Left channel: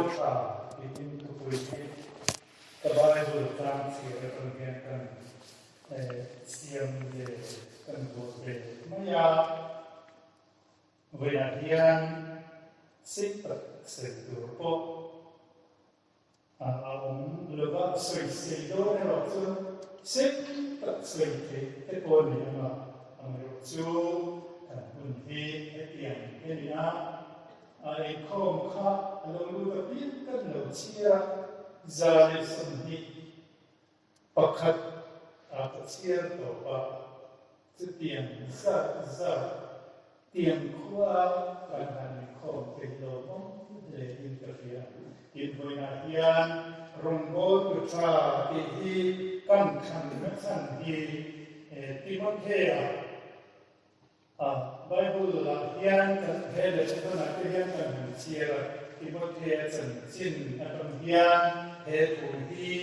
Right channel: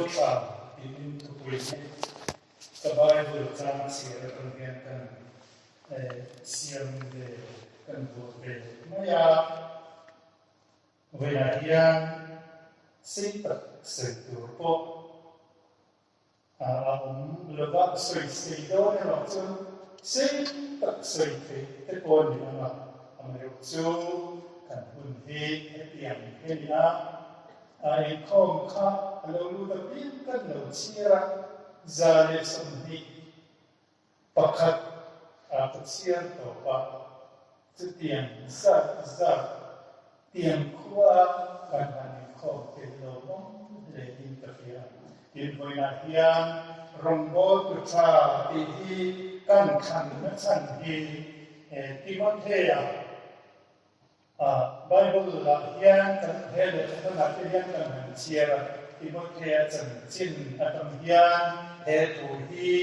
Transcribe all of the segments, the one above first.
in to place the Bible trans here from here can siam de kan bo de maya vela hian sipat setur po lova soi do ne ro chu sipat soi te ko ni ama amreu chu kan hun hi tiang he na ai khom kha alo lu da pin kan lo chia zale samhi pakhat a chia to pa tiang sa tiang khuwa kan han khom te lo mong le in ta fia in boina hian rongbo tu cha ti hi kan khan na chan hi Timothea Bible la hian kan hele kan na te hian kan han chia Timothea chan chin atam hian he tu hi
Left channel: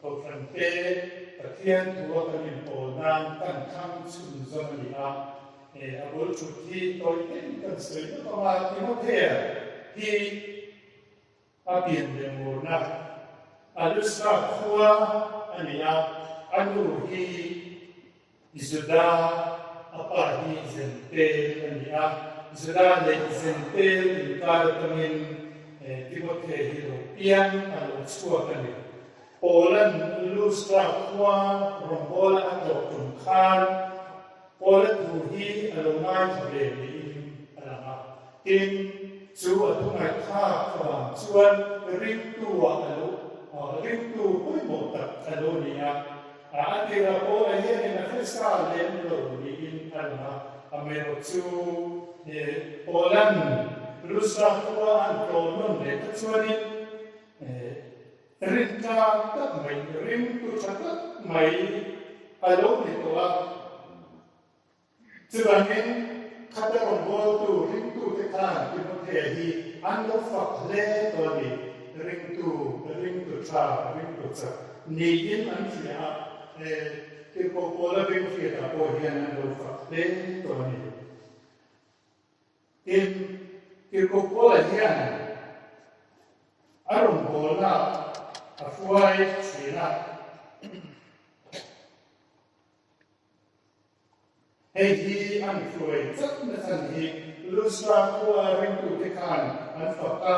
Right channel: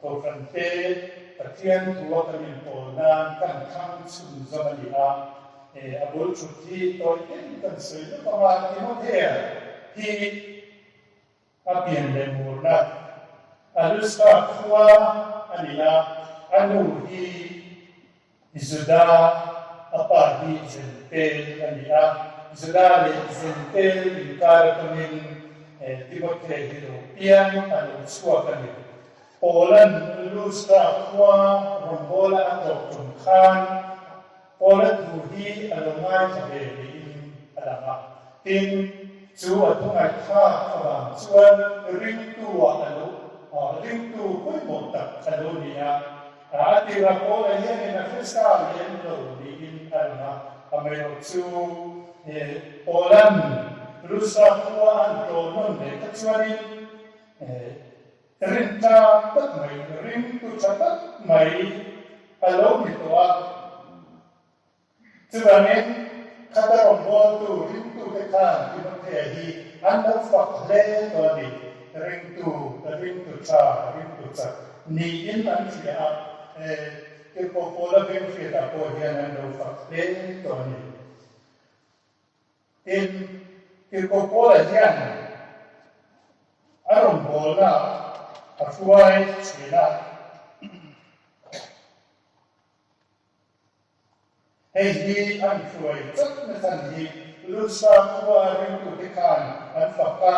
ko kan te pathian tu kan in po na kan khang chun zon ni a abul chu thi toi kan soi na ma Timothea hi apian le mu na alusta khwa ania anu hi izuda apa hi zentel ania izuda le zentel in karatamin Timothea hi lo pian anu chua kan ni Polan lustra khwa rombola atok tum khan Polan tu hi alongai thave ni in alama in chu atungai kha khawang chuan ring tu alo ring tu hui mo tak alo nia atira po hian in festa lem lo ni in alama amero chu Polan lustra khwa an to non le ta chuani rin ta tak mai rin tu chatak mai alo ni to a chuanin khata on go tu rin tu te khan Timothea hi an lo fak le to ni rin tu cha ni in an fi a ke ko pola ben fi ta ko hian an lo fak le to ni in ke ko pola hian aron bola afuai china hei hi an fuai chak na than hi lusa khwa ring tu te khan an fakka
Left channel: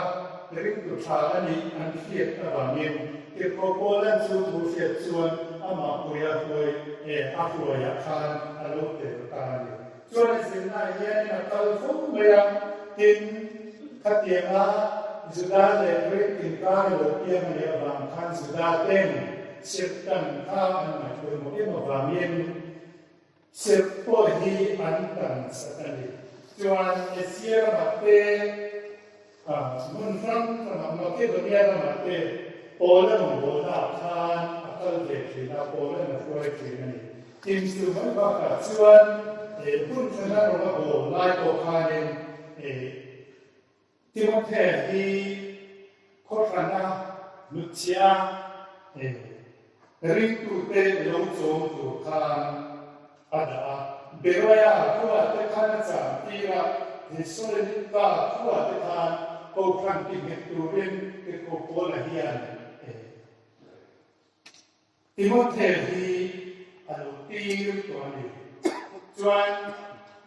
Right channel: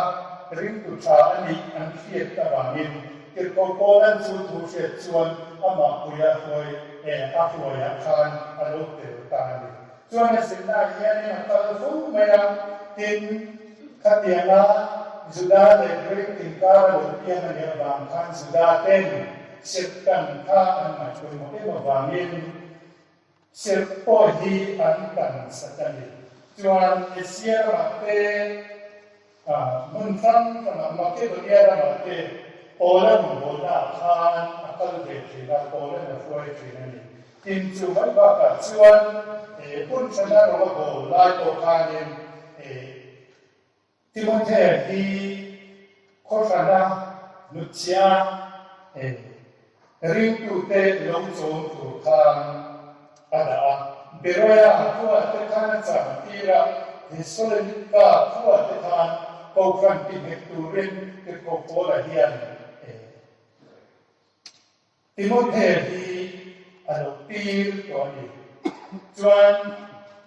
ring tu tha ani an fiat ta bangin ke ko polan chu tu fiat chuan ama puya fuai a fuai a khan alo te ta ni chuan sin na hian na kal fu maya tin khatianga Zuda le break tin kar lo pian le bang khan Zuda ten set kan kha an ma chu mo e ma bangin set po hi an kan satani chuan esia ma te mun phang ka ma ke do ya ma te pola mo bo na khan akal ve thi na pola na foi thi ni tin chu mai ba ka chuan pun chana ro ko lai ko khanin Timothea hi khofana nuchia ring tu te long chong tu khan ada beroya khua te khan cha tira hisolika khua te khan ko khan ti hekturin te ko pola hian Timothea hi alo pir to ni chuan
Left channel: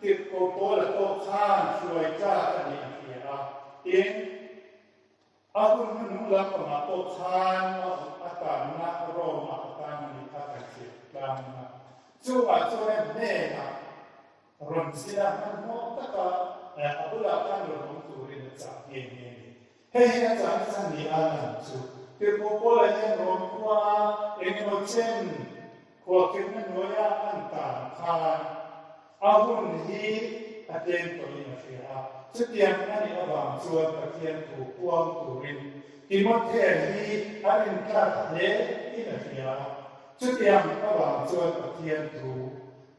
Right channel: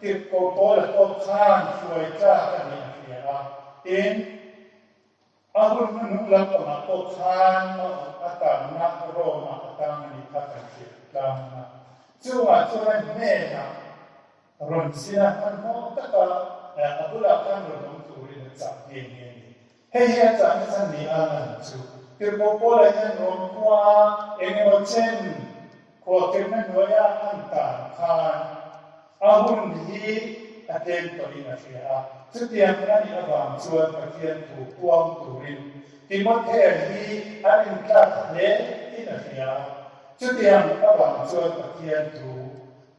ti ko pola ko khan suai cha ani in ahun nu lam ma ko khan ata na ro ma ata ni ta ta chi lam na chuwa chuan me na ron sina an mo ta ka abula kan ro tu ri na cha ye ni he he cha na san ni an chu ke ko ko la yan ro kwa eng mo chen ko ke na no ya an ta khan ahun hi aten to ni na sia Setiap kali abang cuan bagian tu puang turin, Timothea hi arin kat le inasia. Setiap abang cuan bagian tu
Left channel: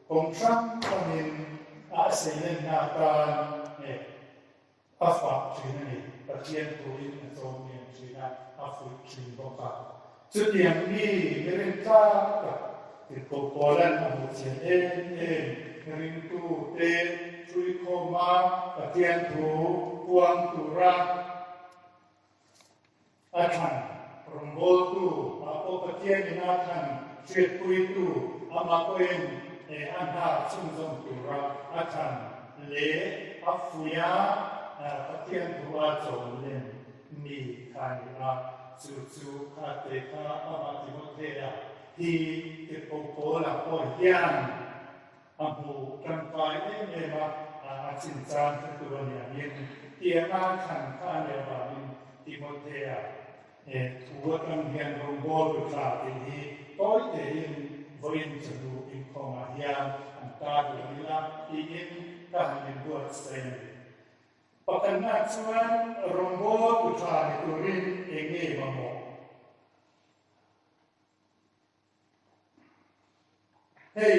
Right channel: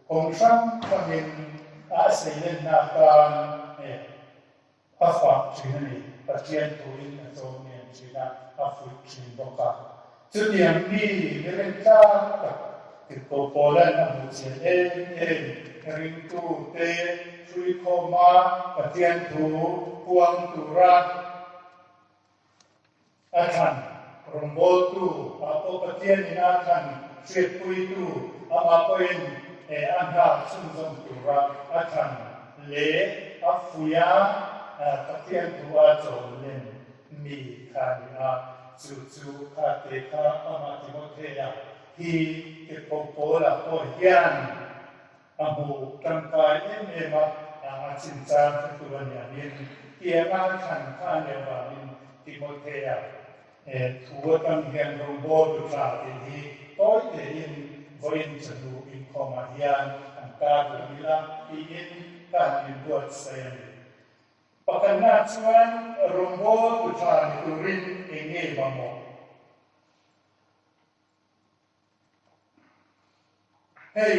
kongsam kamin asailen nakan afa cini bagian turin atau yang cina afu cini boka. Setiap ni mereka Tikopolan amu cine rintu te Chui koma patian tu puang tu ra อาคันรมโบตูอาโปปเทียนอาคันเสียปุยตูอามาเป็นอันดาสุนทรตุระอาคันเลอัฟฟุยาปเทียนตัวโจเลนมีคาริอาจูคาเตคาอามาติโมเทียฮีเอโปโปลาโปยันอาหูกันกายเอเมมาอาจินจานตัวเนี่ยยินเกี่ยงานขันข้าเนบามินติโมเทียทัวตังเฮียนรงโบดุลาติฮีต้อยเตยินวันจะดูอินคอมาเฮียนอันกาดุมิลาอียินการมินบวชเซนปกันนาชวนรงโบดุลาตุรินเองเงมาโมเฮ้ย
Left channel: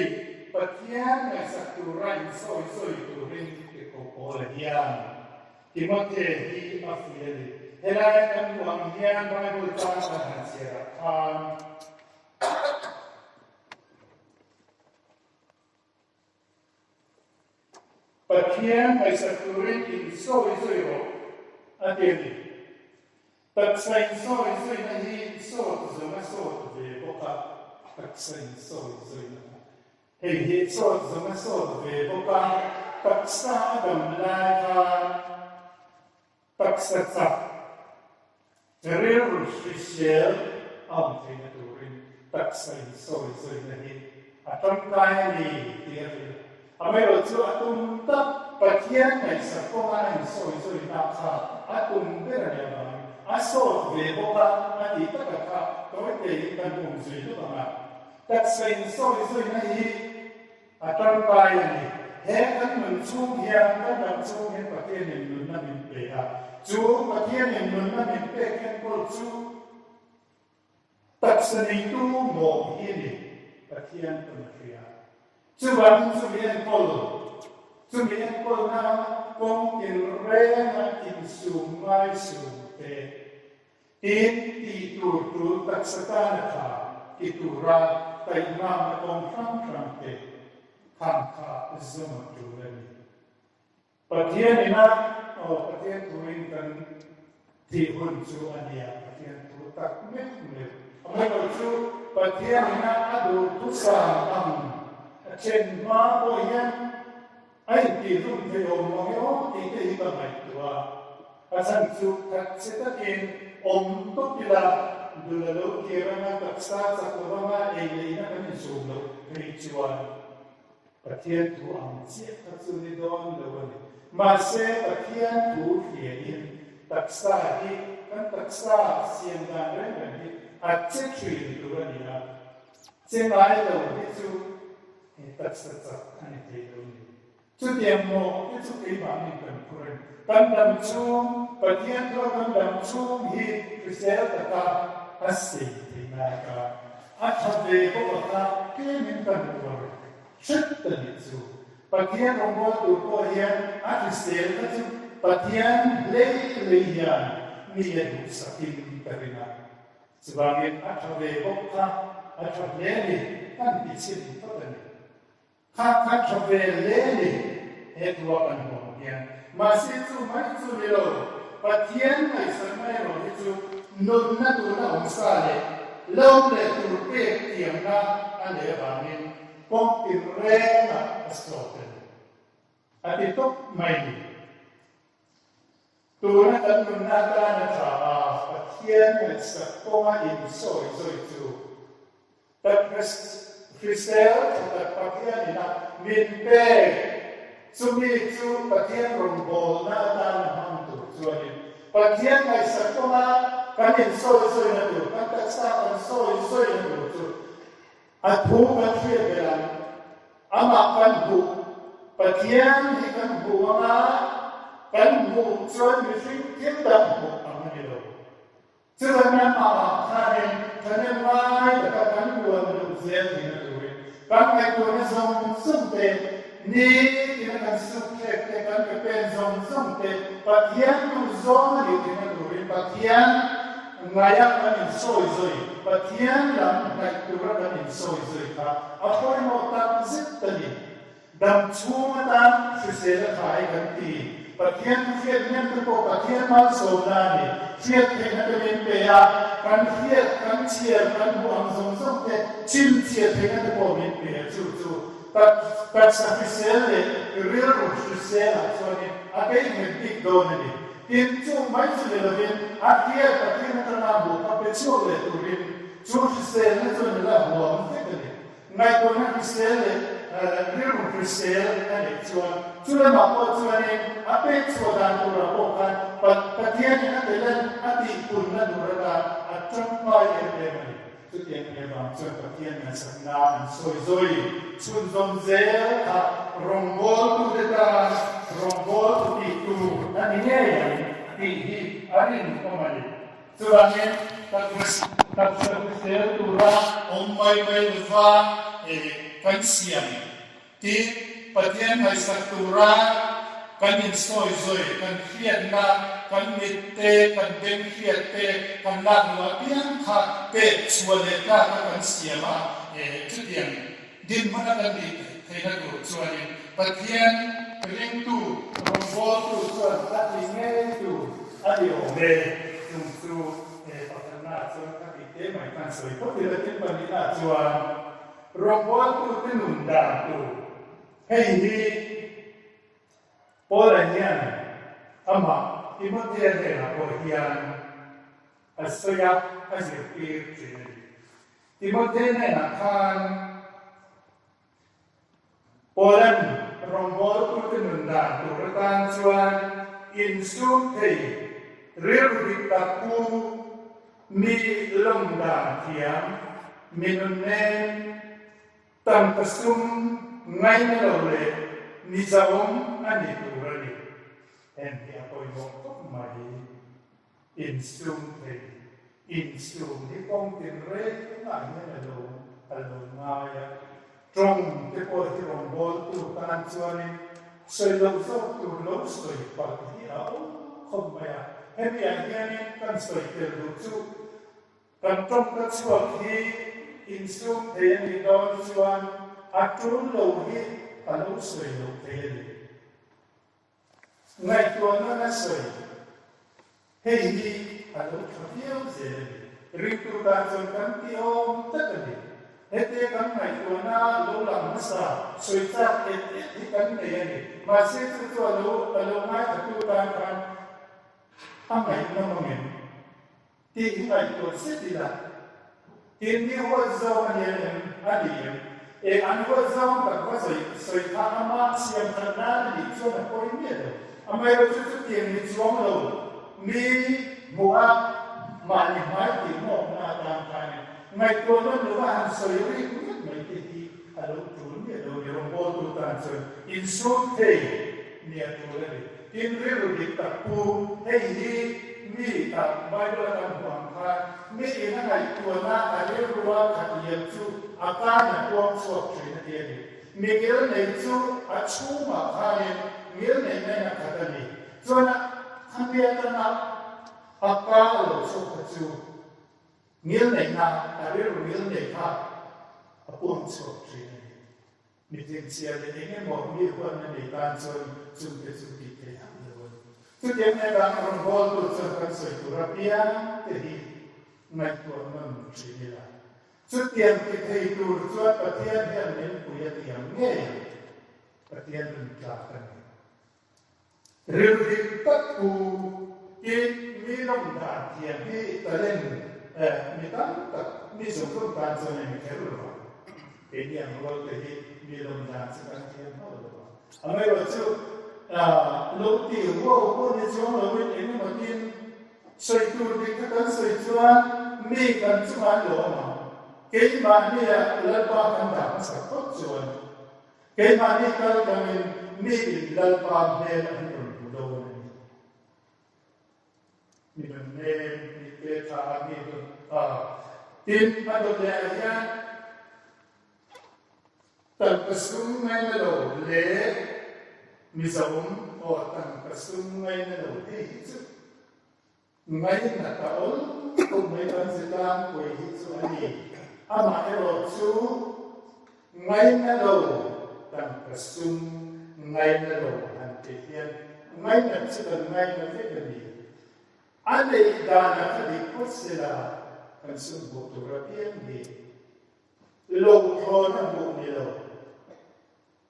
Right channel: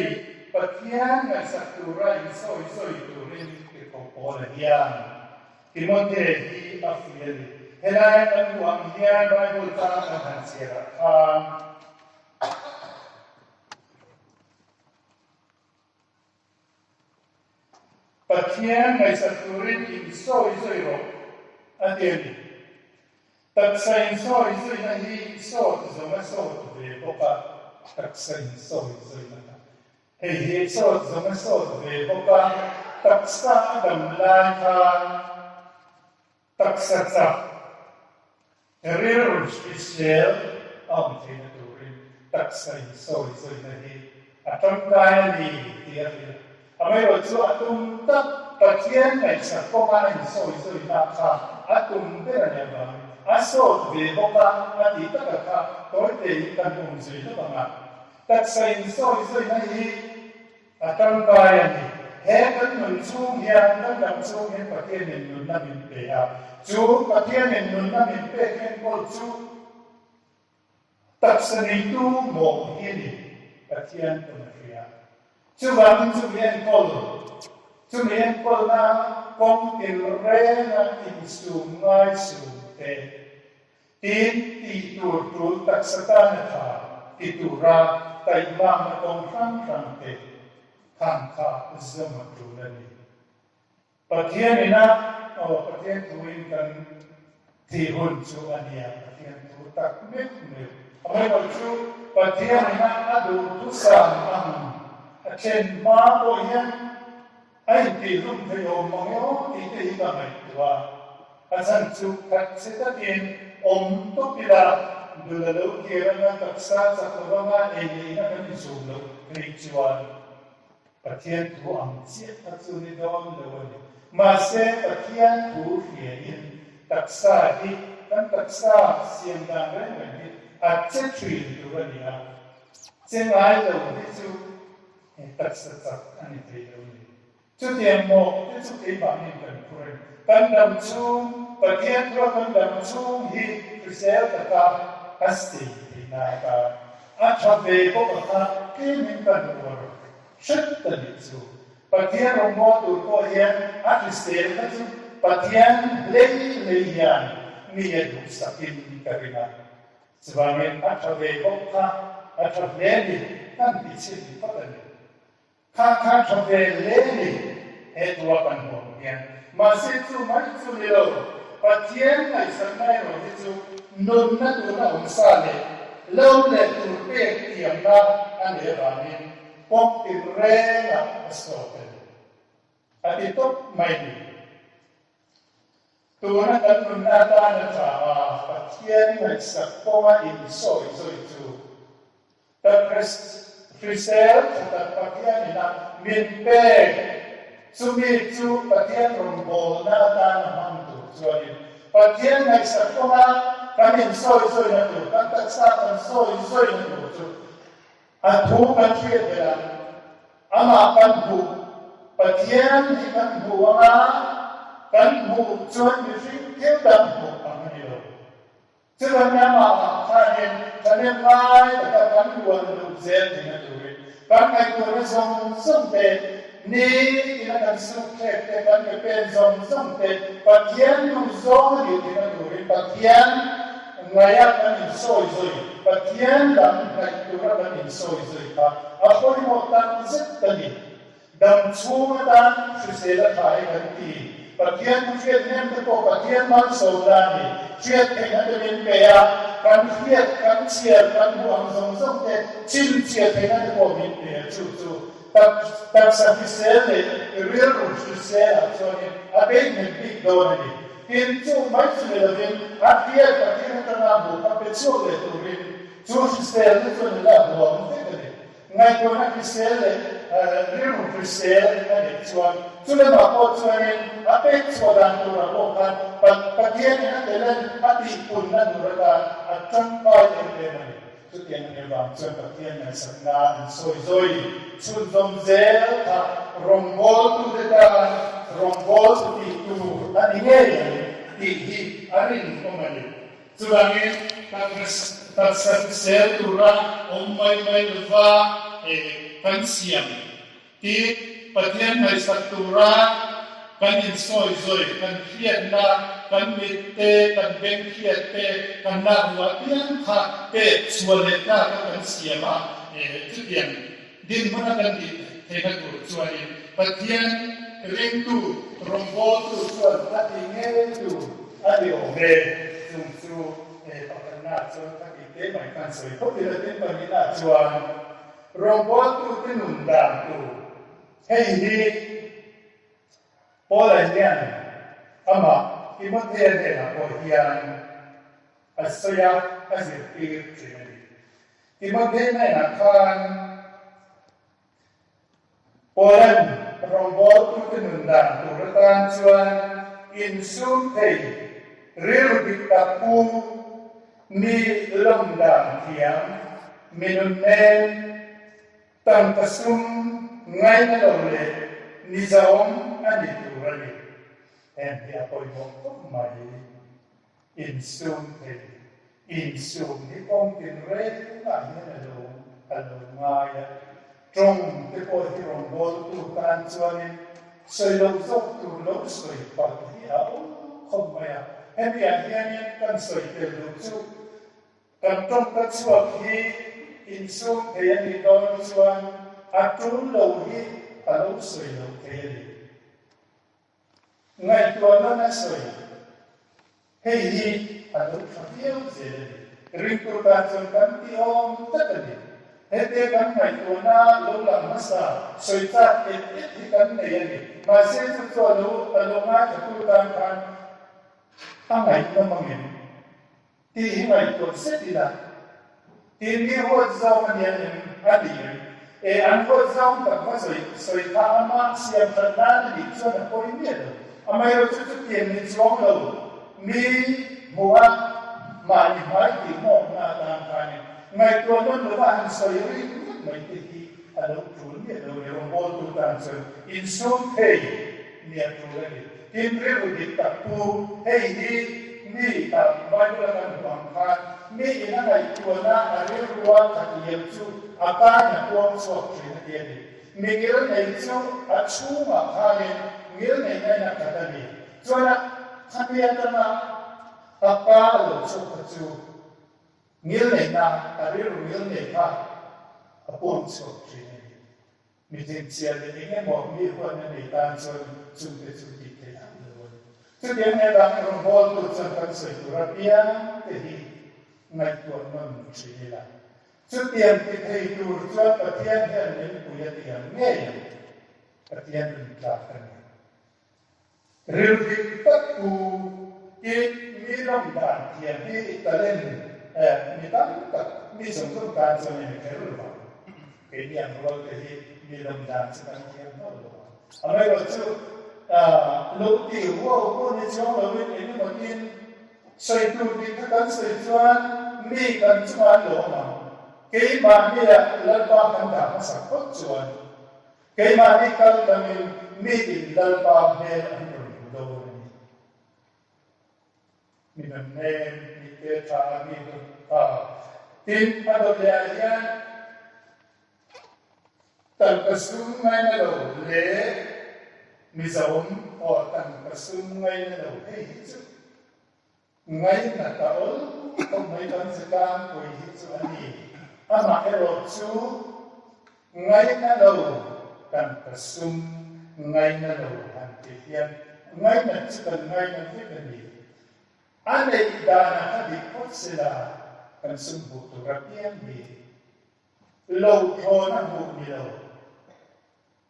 ปัจจัยในสัตว์ราอินโซตุรินติโกโปลเฮียนติโมเทฮีอัฟเยลเฮลายกันวางเฮียนไบเบิลตาอันเสียระคามปัจจัยในสัตว์รินอินโซโรอันเดียนตัดสินโซนั่นที่โซตุโซมาโซตุเวปปะตัดสินโซนั่นเฮ้ยโซตุโซมาโซตุเวปปะตัดสะดัมลายทานตัดสะจับเรียลอิสราเอลอัมทีนัตุรินตัดสินโซนั่นที่อัตมกายนี่ที่อะไรอเมริกาจู่อัตุมตับปัจจัยในสัตว์ก็มาอินโซนักข่าอัตุมเป็นอะไรบ้างอาโซดเวบบ้าอันที่ตะกะค่ะตัวเด็กกันอุ้มจุยตัวมาตัดสินโซนั่นที่อัตมกายนี่เฮกันมันชูเฮียนกันดังชูเห็นประเทศเมนุนนั่นเป็นเปียจูประเทศเมนุนนั่นเป็นเปียเห็นก็จูตัดสินตูโมกินประเทศตัวเฮียจูบางจูเฮียนก็จูเฮียนก็น่าคงเป็นเรื่องอินสูงไม่สูงทีตูตักสตานค่ะที่ตูราไต่มาตรงข้างเตทางข้าสมดุลนี้ประเทศนี้นะประเทศตัวเองกันที่หุ่นจูอันนี้ประเทศตัวตักไม่คุ้มอเมริกาจูประเทศนี้นะดูทุกสิ่งเช่นมาโอยยันไอ้ที่รุ่งเรืองมาโยที่ที่บ้านไหนตัวอาจารย์จูกัดเสตะเกนอมตุกิลาดูแลลูกเกี่ยวกับตักษาสักวันมาเอลีน่ะมันสูงลูกริจวลประเทศตัวอังเสียทัศนิดอนเลยมาเสประเทศตัวเฮียนตักษาที่กันตักษาเสียงดังเรื่องนี้อาจจะช่วยตัวนี้นะเช่นไรเราที่จูตักษาจักอันนี้ที่เราเนี่ยจุดเดียวโมที่จุดที่บางนี่เป็นคนกันดำชูประเทศตัวกันดำชูที่คือเซลตะกาอัศสีที่นายกาอาชาเบย์พวกเขาที่มีปัญหาชุดตันจูประเทศเราโมดูโคเฮียนอาทิเซลก็จูประเทศเลี้ยงมีดูสักินกันนะสบายอาชาเบย์พวกเขาอาชาเบย์นี่นั่นพิชิตพัฒนาข้าชาเบย์เลี้ยงนี่เหตุว่าปัญหาเนี่ยมาสิจูมาจูเดียวประเทศในสมัยเราที่จูนุ่นนั่นตัวน่าองศาเลยเล่าเลยตัวเปียกเตียงนะอันเดียวกันนี่พวกที่เร่งอ่ะสโตเตอร์อันที่ตกไม่ดีตัวนั้นกันนุ่นนั่นตาหน้าตาประเทศในสักตัวอินโซจูแต่คริสเตลแต่ประเทศนี้นะมีเป้จูมีจูประเทศรุ่งโรจน์หน้าตาหน้ามันตัวจวนประเทศในสักตัวกันอินโซนั่นตัวกันตักษากันโซนั่นตัวจูอันถูกกันเทียบกันอามากันถูกประเทศที่กันถูกนะกันถูกจนมีสิ่งที่กันถูกอันนี้เลยฉะนั้นมาท่านไล่แต่กันรวมรูปเซนที่นั่นด้วยกันไอ้ตัวนี้ส่งเป็นนี่ที่นั่นสุขเล็กแต่กันเป็นส่งเป็นประเทศอยู่ส่งอยู่ที่นั่นด้วยประเทศngaya kan insoi patian dan naikura kan insoi ka apoi mo tan zit tani dam chunga dan sisela thai kan ti patian fiat nem ko patian mal so dani triệt thì nó được đến bề căn triệt căn chia căn buông giống giống thế chín triệt thì nó được bộ đến bề chú tập sa phi xe để real phi xe là cho nên ở đây mình bị đồ này tin chú mấy chú là tin ở kia và tin nó là bộ các bên chú là tụi mình chú phi xe nó cho nên là buông thế này ngay con phi xe là real phi xe này chú là mà có cho nên ở đây chú đang tu là bộ kan và thiên nó để lên ở đi cùng nó đủ là ở trong coi để này chút tiền này vào cho các thiên là sẵn là sôi rồi chút dòng dễ rong bol tu để ta rong bol tu tu anh nghe này thì anh không mà đi cho nên các sẽ tu ra ông mai và căn xiêm thì bát thiên hay sắc tu ra căn in soi rồi căn khiết na căn mít tê căn bên khiết tê căn nạc loa tiếng khát bê chua lệ ca căn xiêm chút tiền din mana kan di thena tu chuan pathian ring tu rombo tu chuan ati nge tu adi ome tu patana chuan ati te mai kan soi ko ti le tin panina chuan rombo tu tinun dam tu hei hi polanian ama imothe de la ko hian asoya azir pi imothe na khan Polan rombo tu tinundang tu retan chuan in sum thei ril bitapu mi lomdang thiam minun nen tam kasum ngai na lo le ni zaom ani tu rali en dia poi mo mai in sum ni ong tin re ngai na lo alo ngai trong cái cuộc thi rong bol tu tan chuan soi lâu dốc tu lâu soi bằng thì áo không mày hết đi anh em cần soi tiền lâu chu cần trong cái chuột thì in sum thì anh đi đâu chuan trốn lâu thì lâu soi lâu thế ngày tuần nó soi hay gì lâu không hiểu gì riêng tu tan chuan cần tiêu tất cả hết kan ngày tuần na lâu làm nó sa soi ta hết kan này anh mà sẽ cho lâu ngay tu tan kan ngày nó mong thì ngày tuần sẽ đi là thì đi hoa giao anh em đi anh hoa giao tập hoa soi ta mà xem thật ra đi cho nó có ý nghĩa rồi anh ấy rồi chút tiền mình xuống lâu mi mua mà nhìn thấy thì một là làm thành ngày tuần nó nữa là hàng soi ấy mấy thì đâu trốn địa đâu để rong bol tu tan soi in sum thei niat tu ấy in real di tapu hei di ni ta mai lo kan huang kha mi in ngày tuần na ari ruwa ka yem chu ata na tuang so chi na dia ni mi ngel nei chu a chu ma kha ni ngel nei na ka ta ni cho na khamia ta na apa lo chu ka chu ngil này na ari ngil này ha apun so chi mi tin sia le nge mo mi ko na ni tan so chung te chu ti te ha lo chu dia ne da ron bol tu chen kan se tu ra pia te hi ngai tu non chi ni la chu tian ti thei tu chu pa tian hian ni pu ya ti am nge pa tian ni ta kan ril ti pat ku ki mi long da tian ti ta len mi tam ta mi sum tu ta so ne ke ru ba ke ni an ro te hi mi long da sa kan ke no lo a mai ro chu lo ti wo ko ni chu lo ni ni mo tin soi tu ti ta kan soi chuan mi kan chuan lo ma ke ma ni la ba kan da sa ko chuan ke ma ni kan da mi ti la ba me an ro lo mi dan ne ke ta mi tin ado le ya tan pasum mai na lo le mi zaum o tan pasum mai na lo he chu ngai na ta ol ko mai kan se kam ko hi chu ani ama ero chu ngai na lo tan pasum ngai na lo han te hian ngai na chu tan ngai na te ni anh ấy đã đi phốt xe là cần sung bộ tụ ra biên đi lâu thô năng bộ đi lâu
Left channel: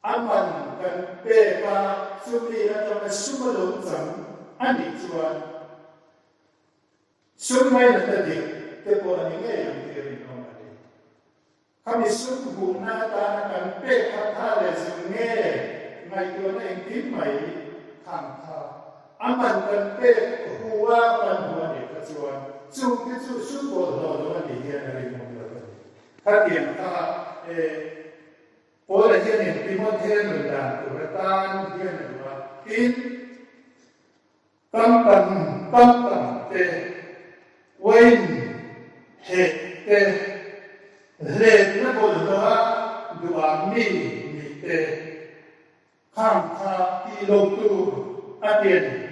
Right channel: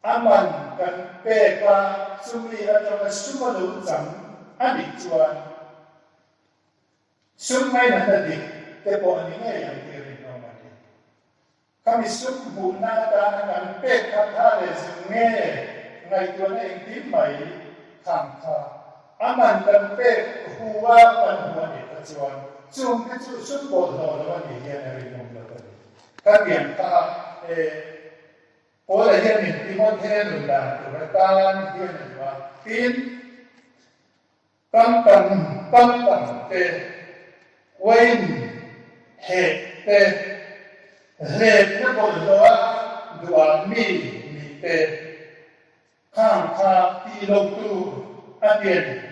aman cần bê ca sung đi ra cho cái sung mà lâu chẳng anh ấy chuan sung ngay là ta đi thế bộ anh ấy nghe là cái gì đó mà đi kami sung bộ na ta na cần bê ca tha lệ sung nghe ngày tuần này tím mày khám khá aman cần bê hùa cần hùa đi ta chuan chung cái chú sung bộ lâu là đi hiện nay mong được các điểm ta có là hiện mình tìm mong thêm được là của ta hiện là tin tâm tâm thế quên hệ thế lệ nó bộ đó đùa mi thế khang kha ti lâu tu tiền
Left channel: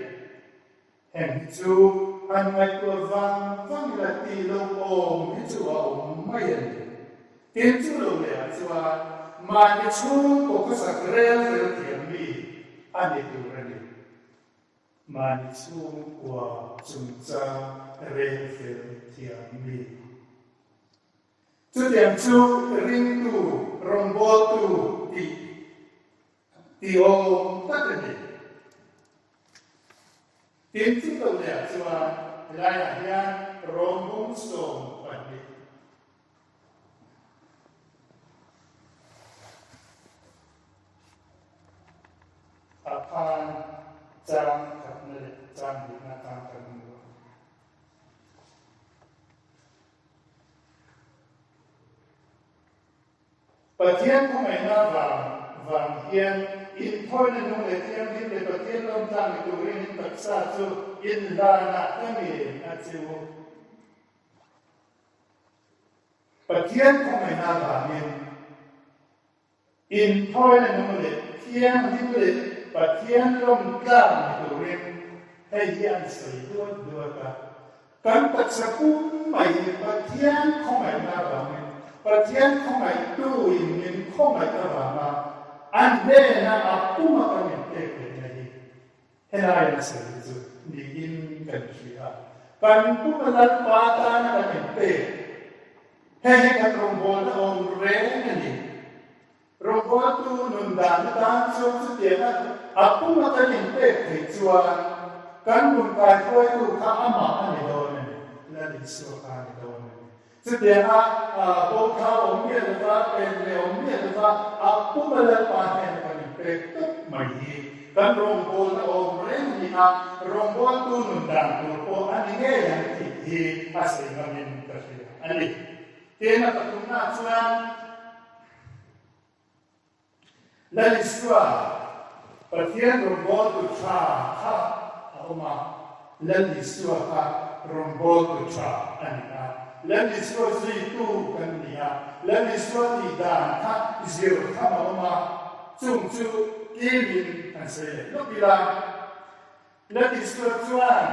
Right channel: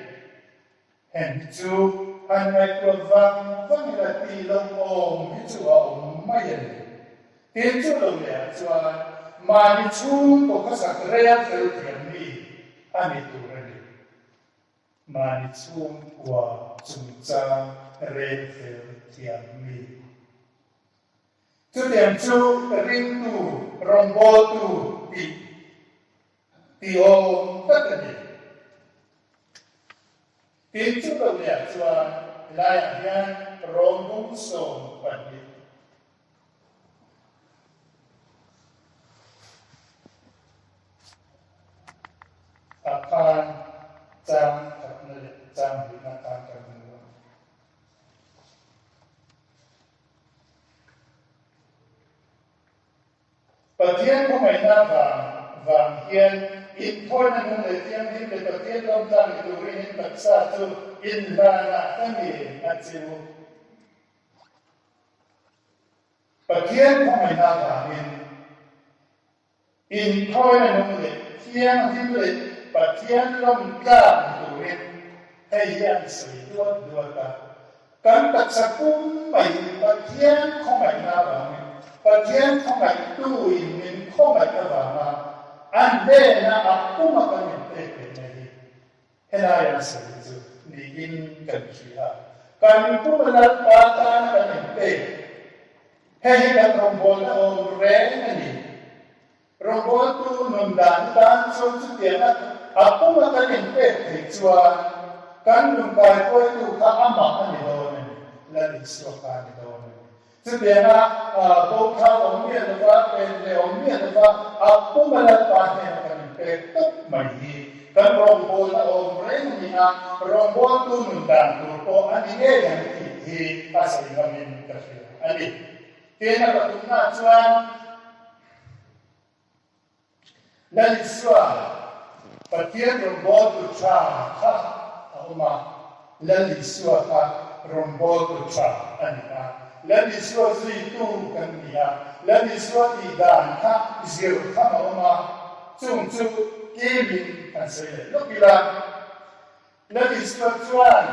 hẹn chú anh mai tua vang là ti lâu ôm cái chú ôm mai tiền chú lâu lẽ cho mà đi chú tổ có sạc rèn rồi thiểm mi anh ấy tu ra đi mà đi chú qua chúng ta rèn rồi thiểm mi chú thiểm chú ring tu rong bò tu ti ôm tất cả đi tiền chú lâu lẽ cho lại hiện rong bông sông bản đi akan jam kapne jam hina kam kamu patien ko mai na vang hian in thoi na nung le tiang din le patien lom jam le tu rin tak sa chu in la na kani a chu patien ko mai na vang in thoi na nung le tiang din le patien lom jam tu rin hay hian sui duat ta kan tak sa kum mai patien ko mai na vang patien ko mai tu in ko mai ta vang ande na akuma kan te nei henai sa ju ni in kan khia kan pumala pa ta na kan te hei kan rombol on re ni rombol tu non dan dan so chu te na akuma kan te te chua kan dum kai koi tu ka ama ani do ni la ni so ka ni do ni chu te na bo tha om ye da pe le om ye da akuma la pa ne kan te tuk mai kan rombol na om re ni a rombol tu nun dan tu ko ani ne yang ti asai ngamin ka ani te na ka tu na chuan la ni swa patien rombol tu cha ha oma la ni swa ka rombol tu cha ani a la ni swa zi tu kan ni a la ni swa ti dan ka zero ka oma chung chu ki min kan se le no bila la ni swa chuan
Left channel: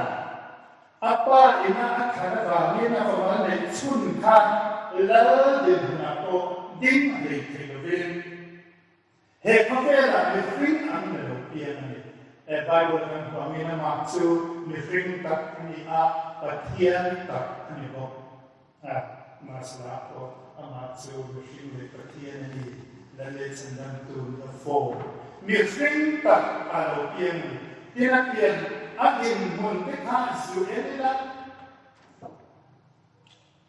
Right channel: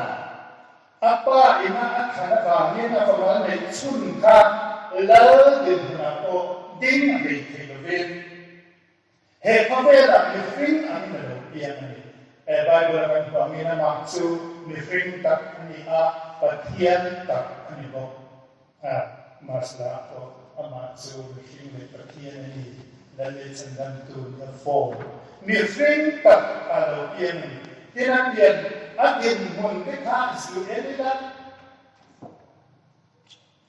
apa ina akhana ka ni na ko ma le chun ka la de na ko ding he ke ven he ko ve la mi fing am na lo pian ni Bible kan ko mi na ma chu mi fing tak ni a pathian tak ni ko masla ko ama chu mi fing le pathian ni la le chen dam tu na fo mi fing tak a lo pian ni ina pian a in mun te kha su en la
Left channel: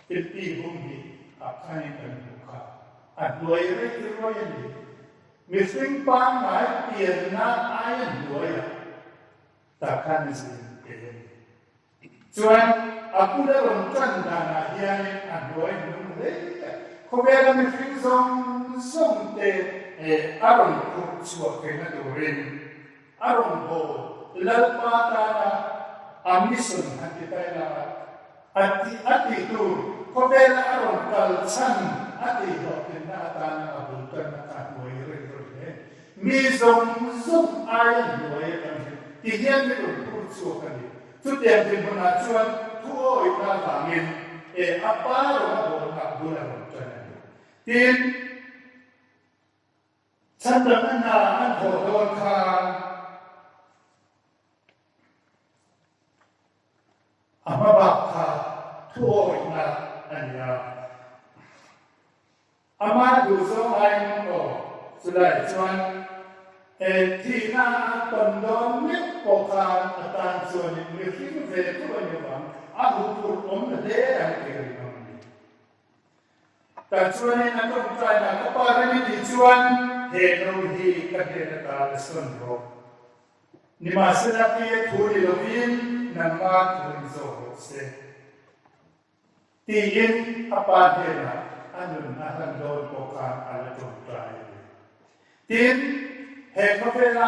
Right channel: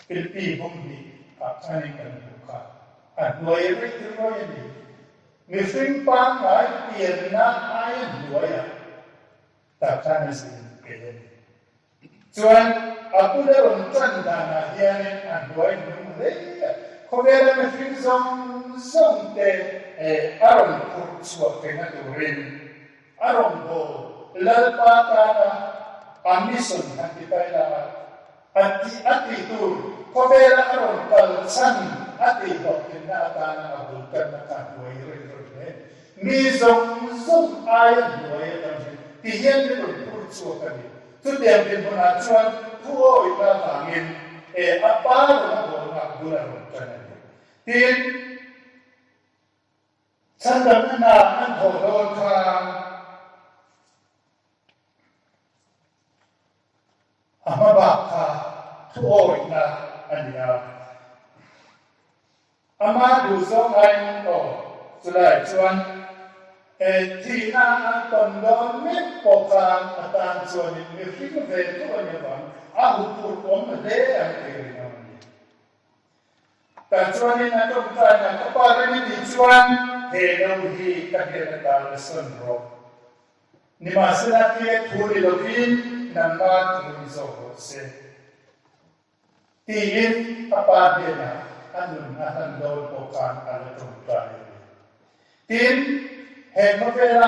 Filipi bum bi a kai kan ku ka a noi re tu ro ye ni mi fing pa ngai pian na ai noi ya ta kan sin ke chuan a pu le ron chan da na hian a noi nu le ko ve la mi fing zong te a ron ku chuo te na tu rin a ron bo la pa ta na a mi sun han ki tai la ati tu ko ve la a ron kal chan ati ho te na ta na a bu kan na ta noi re re mi zong ai noi ta ti hian le ron ku chuo ka ni tu te am pe na chuan tu o i na ta min a pa ro na bo na bu na ron chan tin chan da na an ho ho kha amabaka tuoi na ania ama du song ai o sulai chuan thì na tầm đó miết bộ phàn tàn chuan ni ring về tu anh em à hụt hụt ôm là đế anh em ta chuan ni na công trai na có ba cái gì chuan he đâu hi các cái ta là sơn rồi ni mà sẽ là cái thu đi đầu tiên là ma thu rồi sẽ tiin apa dia na anun ahan dol bộ phàn ala công trai tin he có thể là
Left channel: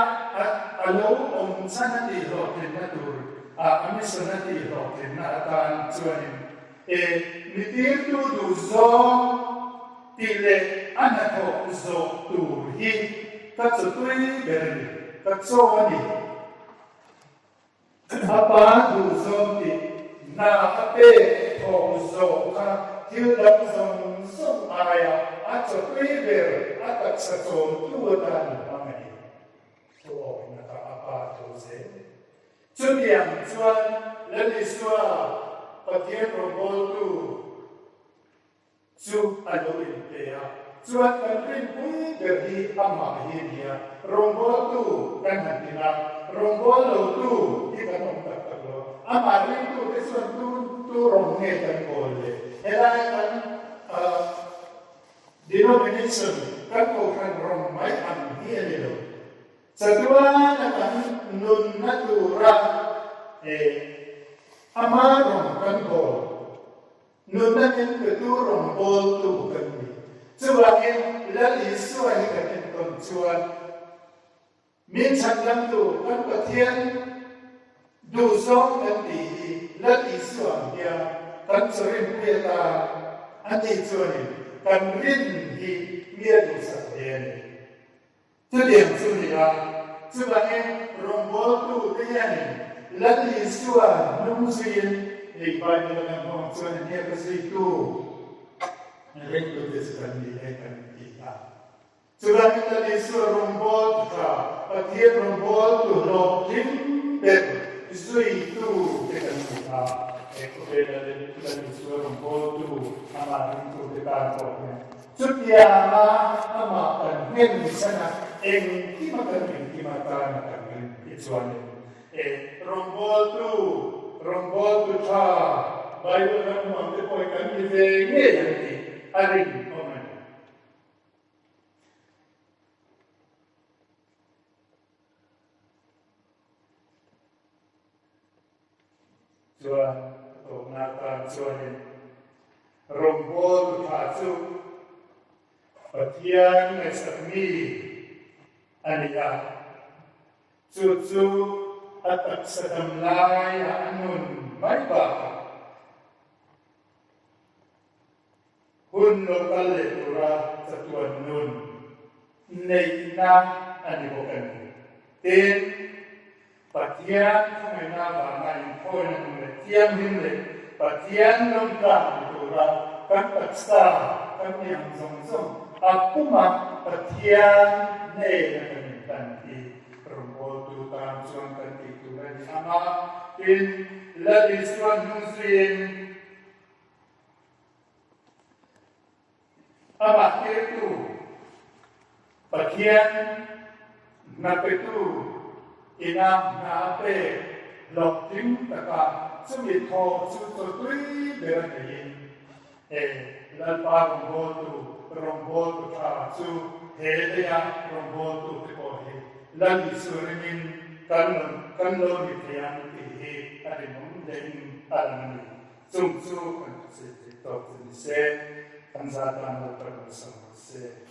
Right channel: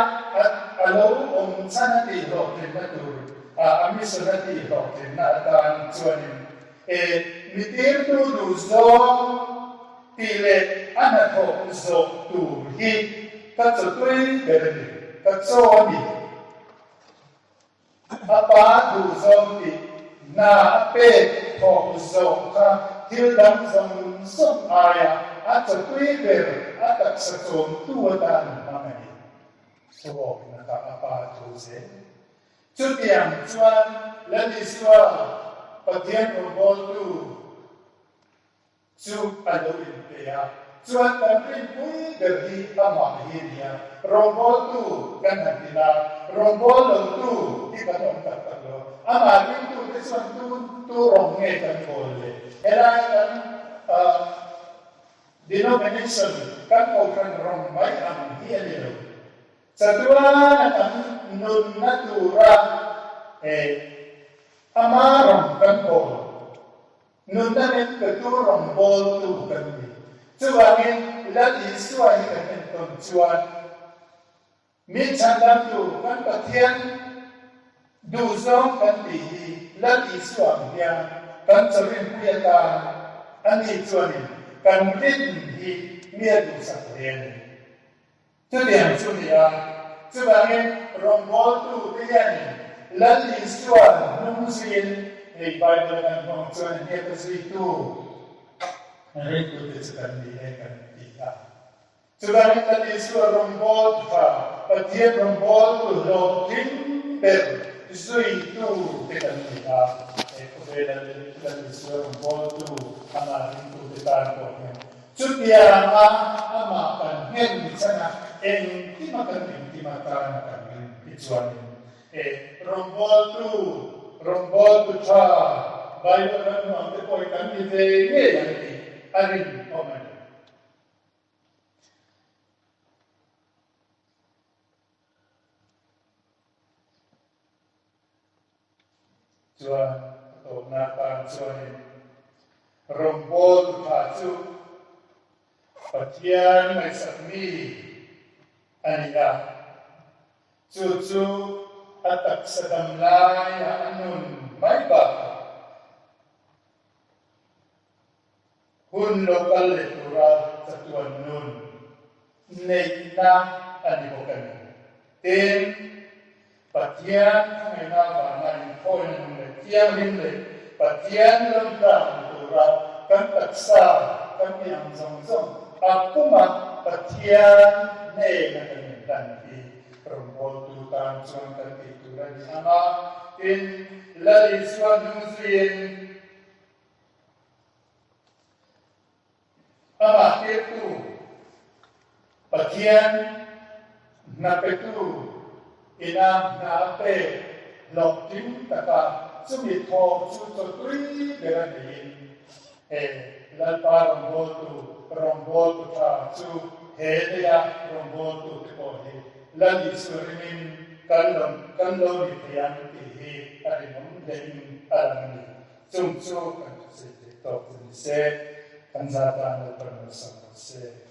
alo ông sana ti rồi thì nó đủ ami sana ti rồi thì nó tan chuan mi tin tu du zo tỷ lệ ăn thọ dầu đủ hi các chỗ tuy bền các chỗ đi apa đủ dầu thì na pe thọ dầu ka thiếu đóng dòng sông ai à chỗ tuy bền à các chỗ tu tan mà này số na ta apa tu se chút điểm chuan lên đi xóa bắt tiền của bol tu chu alo in pea chuan kan rin pui berhi ama hi nia rombol tu kan hantina rombol lo tu ti kan on tak tak lo ama rin tu ke chuan tu rong nge kan bol le ela kan denomination kan ko kan rong mai am hi ani lo sadua kan nun natura ama rong kan bol nunanin keturong bol tu kami. Cuangin lagi suai kami tuan. Minsan lang tu kan patian duzong kan dihi lagi suang dia kan sering dia ta ani cuanin kan rin hi mia du sakien. Tu dia cunia cuangin rombol tu dia ni lagi suang nungsin एक बार जब हम पहुंचे ये प्रसिद्ध तो रेट तो जैसे करनी है करनी था सुबह में तब इसको रोम्बोल था पतिये रोम्बोल तो लोटिंग पर इसुई तो के करनी था एक बेटा जब इसको रोम्बोल तो हमारे तो बेटा को सुतिया ama kan nen sana eng ti makan ichuan rombol tu cha Bible kan mo ang ko kan ni ve nge yang ti aring oman chuan to na tan chuan rombol ta chu patian mai sakmi aniya chu atak sa damlay anun may baka hun lokal letura sa tuwan nun nay na anibokan tin patian kung na bangay ko ng tiang himle patian lomta letura kan taksa kan yang zong akuma patian nay na kanitanti rombol tu tam chuan kan ti tu la ni ama in la li chuan nu zin ama ke tu pathian na pe tu ina na pe lok tim taka chumi tho chu to tui be ran ni la pa rombol tu ka chu he ya rombol tu ko he lagi suruhin kanlong itian tihi arinong den alamani sumsu kan se kanzatan lo terus se